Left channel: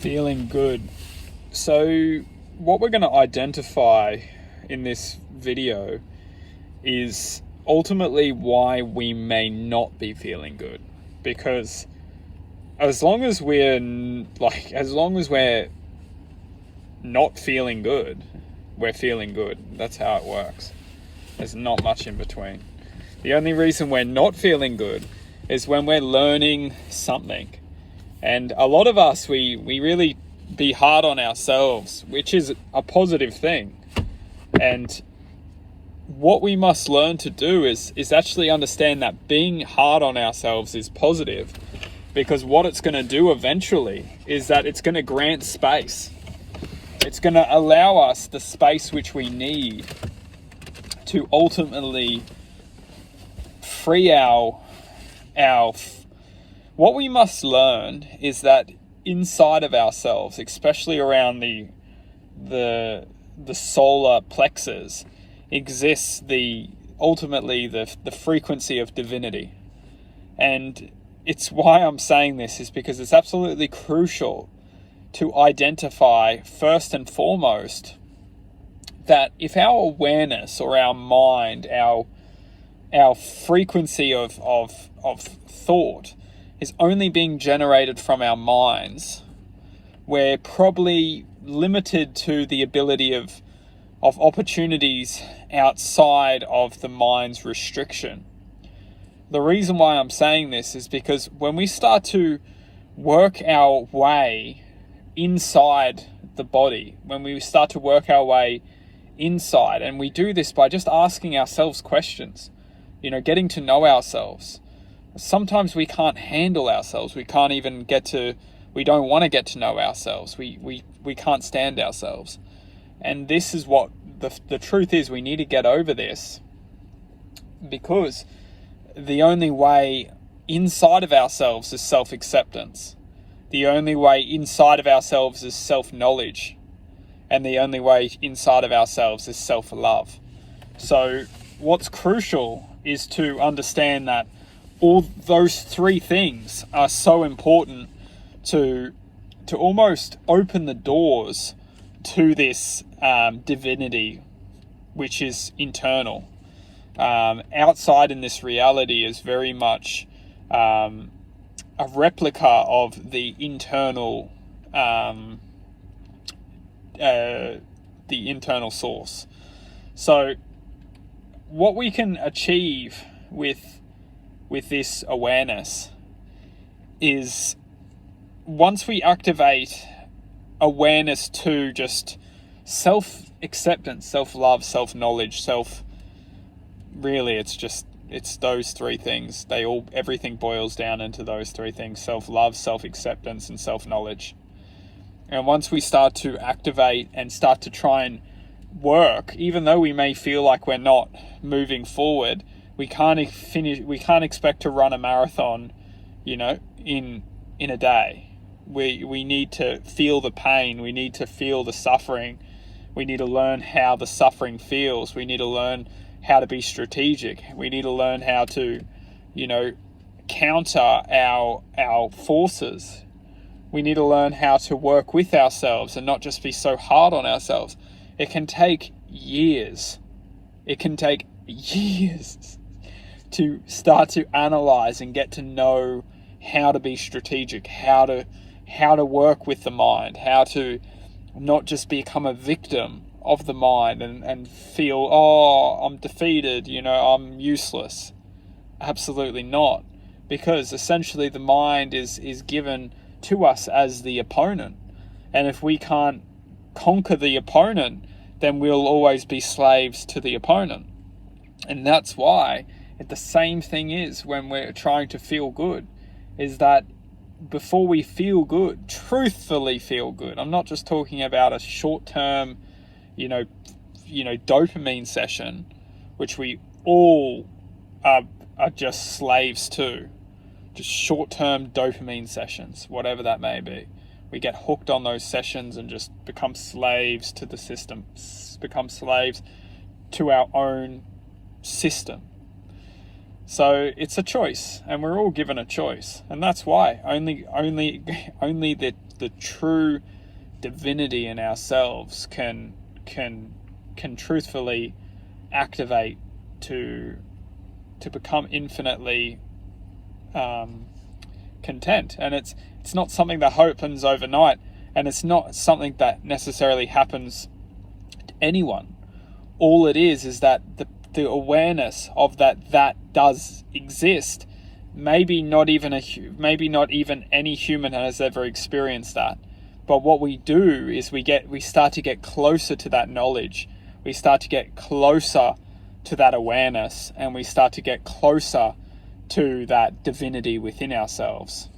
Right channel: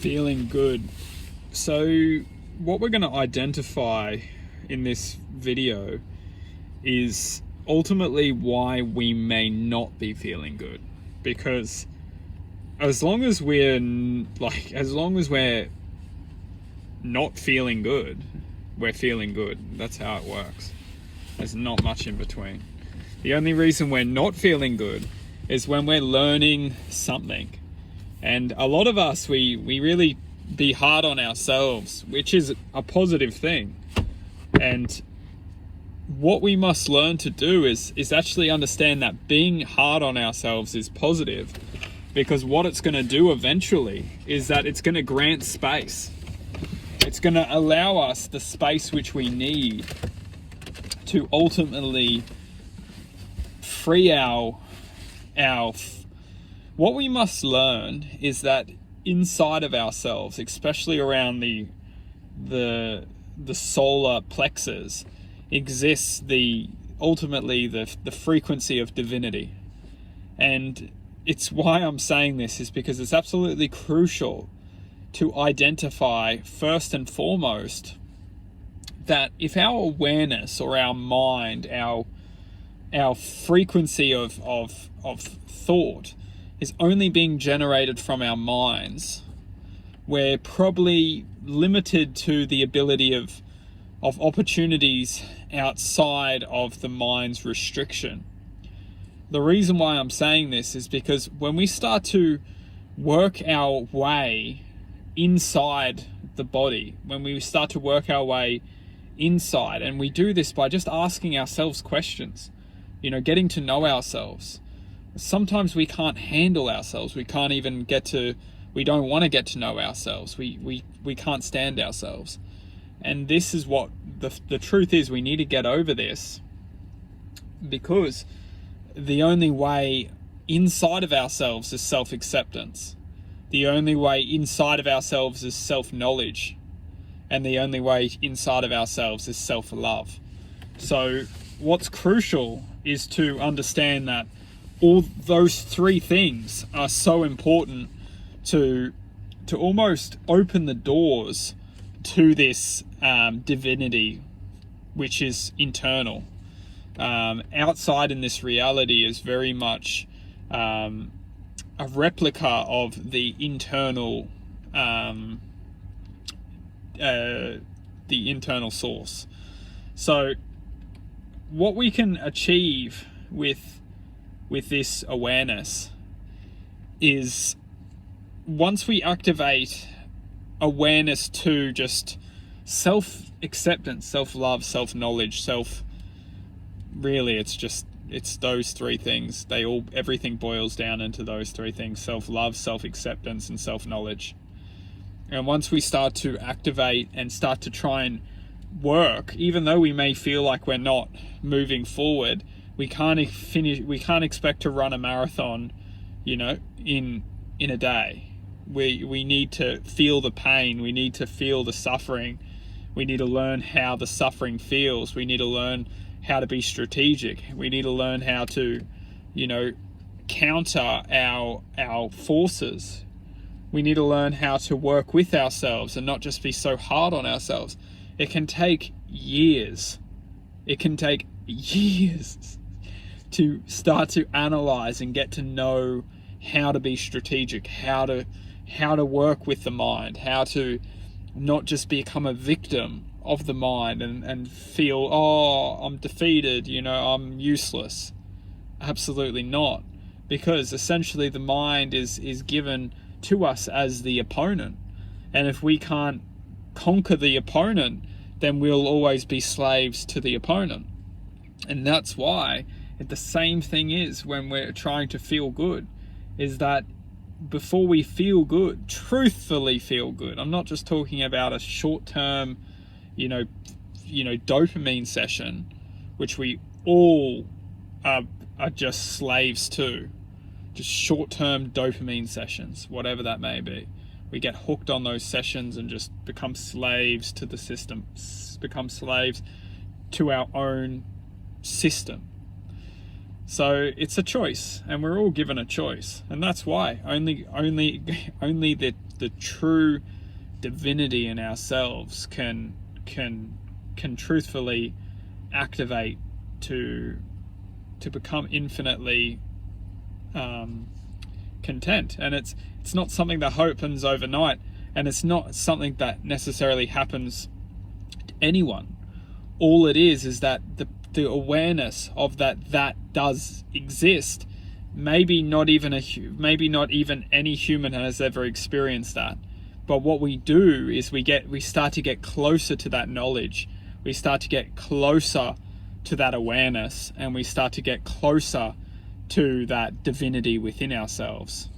Feeling good. So what we're going to identify in this video is ultimately why we may not be feeling good. Because as long as we're not feeling good, we're feeling good. That's how it works. There's not much in between. The only reason we're not feeling good is when we're learning something. And a lot of us, we really be hard on ourselves, which is a positive thing. And what we must learn to do is actually understand that being hard on ourselves is positive, because what it's going to do eventually is that it's going to grant space. It's going to allow us the space which we need to ultimately free what we must learn is that inside of ourselves, especially around the solar plexus, exists ultimately the frequency of divinity. And it's why I'm saying this is because it's absolutely crucial to identify first and foremost that if our awareness or our mind, our frequency of thought is only being generated from our minds, we're probably limited to the ability of opportunities outside of the mind's restriction. The reason why I'm saying this is because when we start to work our way inside the body, when we start to work our way inside, and we do this by just asking ourselves questions, getting to know ourselves. Sometimes we can't handle ourselves. We don't want to get to know ourselves. We can't stand ourselves. And this is what the truth is. We need to get over this, because the only way inside of ourselves is self-acceptance. The only way inside of ourselves is self-knowledge. And the only way inside of ourselves is self-love. So what's crucial is to understand that all those three things are so important to almost open the doors to this divinity, which is internal. Outside in this reality is very much a replica of the internal source. So what we can achieve with this awareness is, once we activate awareness to just self-acceptance, self-love, self-knowledge, it's those three things. Everything boils down into those three things: self-love, self-acceptance, and self-knowledge. And once we start to activate and start to try and work, even though we may feel like we're not moving forward, we can't expect to run a marathon, in a day. We need to feel the pain. We need to feel the suffering. We need to learn how the suffering feels. We need to learn how to be strategic. We need to learn how to, counter our forces. We need to learn how to work with ourselves and not just be so hard on ourselves. It can take years. It can take years to start to analyze and get to know how to be strategic, how to work with the mind, how to not just become a victim of the mind and feel, I'm defeated, I'm useless. Absolutely not. Because essentially the mind is given to us as the opponent. And if we can't conquer the opponent, then we'll always be slaves to the opponent. And that's why the same thing is when we're trying to feel good, is that before we feel good, truthfully feel good, I'm not just talking about a short-term, dopamine session, which we all are just slaves to, just short-term dopamine sessions, whatever that may be. We get hooked on those sessions and just become slaves to the system, become slaves to our own system. So it's a choice, and we're all given a choice, and that's why only the true divinity in ourselves can truthfully activate to become infinitely content. And it's not something that happens overnight, and it's not something that necessarily happens to anyone. All it is that the awareness of that does exist. Maybe not even any human has ever experienced that. But what we do is we start to get closer to that knowledge. We start to get closer to that awareness, and we start to get closer to that divinity within ourselves.